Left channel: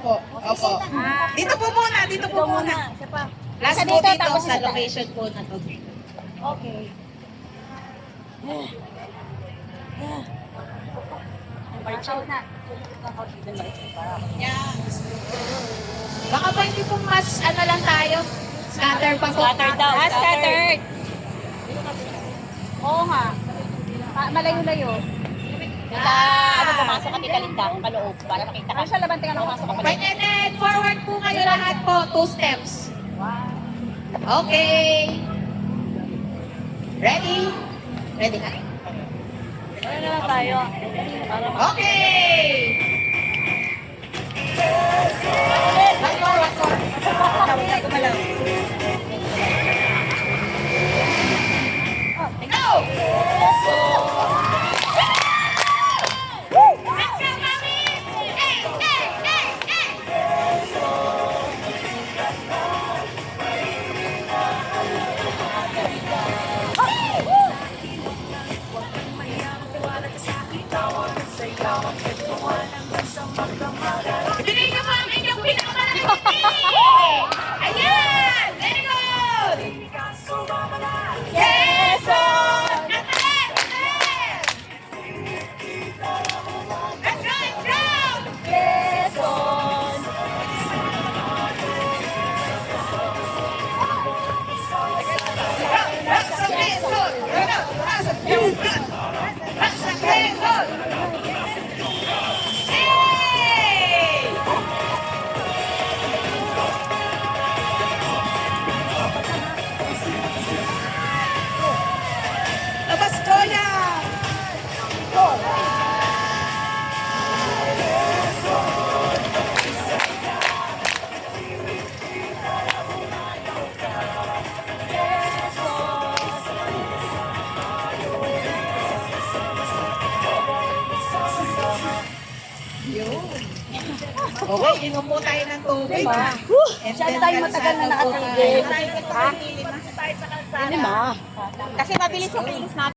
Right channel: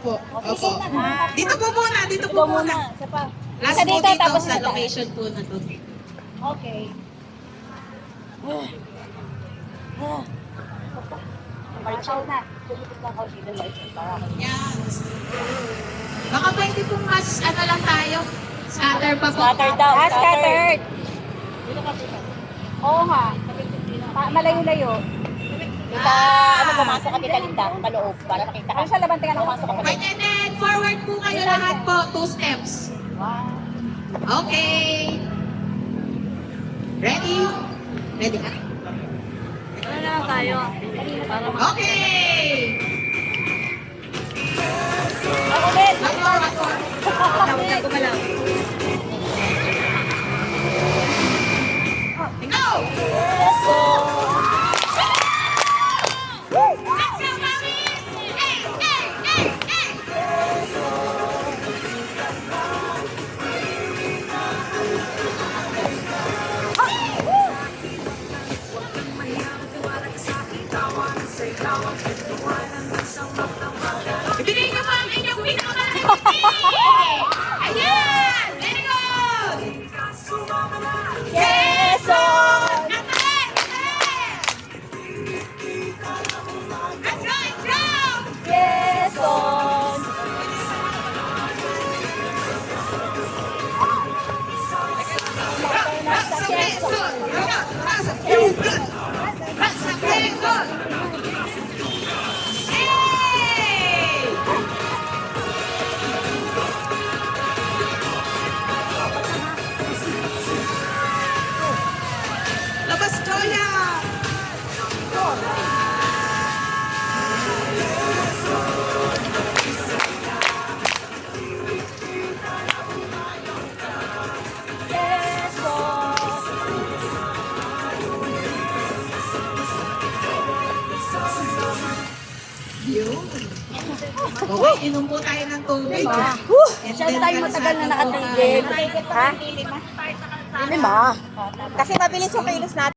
po. Opo. Dito po muna, dito po Ikaw muna. muna. Isa pa. Last Isa po dito, dito tapos sa isa tayo. location po na to. Okay. Marshall na. Susunod ng kaunti ng Marshall para ako. Yes. Baka pwede pong mas ano lang tayo. Scatter pa po. Scattered daw. Scattered. Oo nga. Malayo-layo. Tita, ano, pumasok ka Tita Linda, paloob, para makita ka. Ano siya laban? Tingnan ako. Pumasok ka Okay, paloob. and then forward po kayo lahat po. 2 steps. Wow. Okay. Ready? Ready na. Ano na lang tayo? Okay. Ulit. One more. Huwag gumalaw. Go! Let's go. Let's go, mommy! Ibigay niyo po ang inyong pinaka. Ayan! Very good! Yes, on. That's right, round! Yes, on. Labas ko na! Yes, on. Okay, inom po tayo ng tubig. Masyado tayo matagal na nakatigil. Ha? Hindi ma. Kasi mabilis yung kilos natin.